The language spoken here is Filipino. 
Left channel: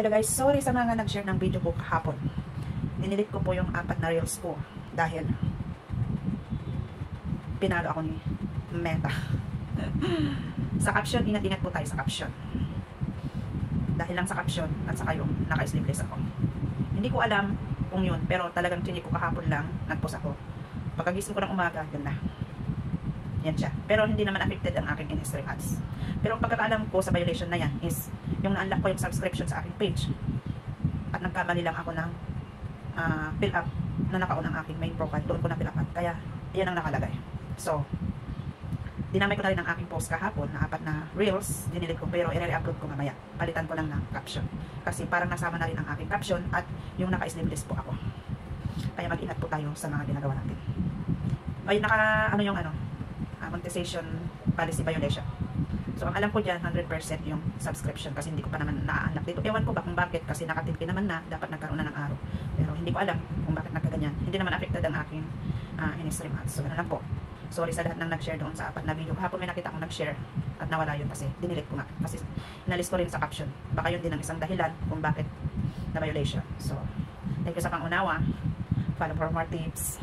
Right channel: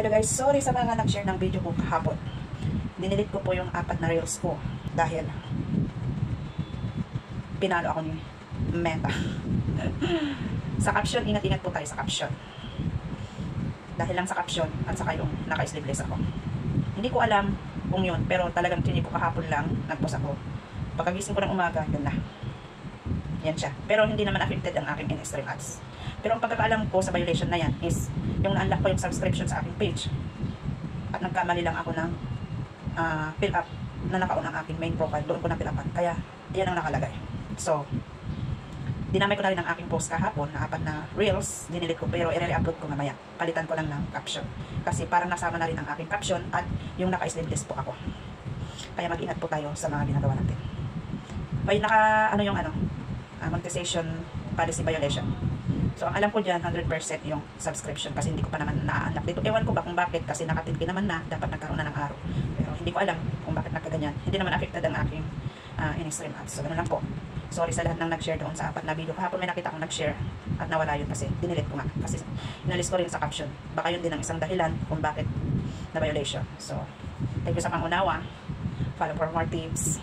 Hello guys, sorry sa mga nag-share ng video ko kahapon. Dinilit ko po yung 4 na reels ko dahil pinalo ako ni Meta. Sa caption, ingat-ingat po tayo sa caption. Dahil lang sa caption at saka yung naka-sleeveless ako. Hindi ko alam kung yun, pero talagang tinig ko kahapon lang, nag-post ako. Pagkagising ko ng umaga, yun na. Yan siya. Pero hindi naman affected ang aking in-stream ads. Pero ang pagkakaalam ko sa violation na yan is yung na-unlock ko yung subscription sa aking page. At nagkamali lang ako ng fill up na nakaon ang aking main profile. Doon ko na fill upan. Kaya, yan ang nakalagay. So, dinamay ko na rin ang aking post kahapon na 4 na reels. Dinilit ko pero i-re-upload ko mamaya. Palitan ko lang ng caption. Kasi parang nasama na rin ang aking caption at yung naka-sleeveless po ako. Kaya mag-ingat po tayo sa mga ginagawa natin. Ay, monetization policy violation. So, ang alam ko dyan, 100% yung subscription kasi hindi ko pa naman na-unlock dito. Ewan ko ba kung bakit kasi nakatilki naman na, dapat nagkaroon na ng araw. Pero hindi ko alam kung bakit nagkaganyan. Hindi naman affected ang aking in-stream ads. So, ganun lang po. Sorry sa lahat ng nag-share doon sa 4 na video. Kahapon may nakita akong nag-share at nawala yun kasi dinilit ko nga. Kasi inalis ko rin sa caption. Baka yun din ang isang dahilan kung bakit na violation. So, thank you sa pangunawa. Follow for more tips.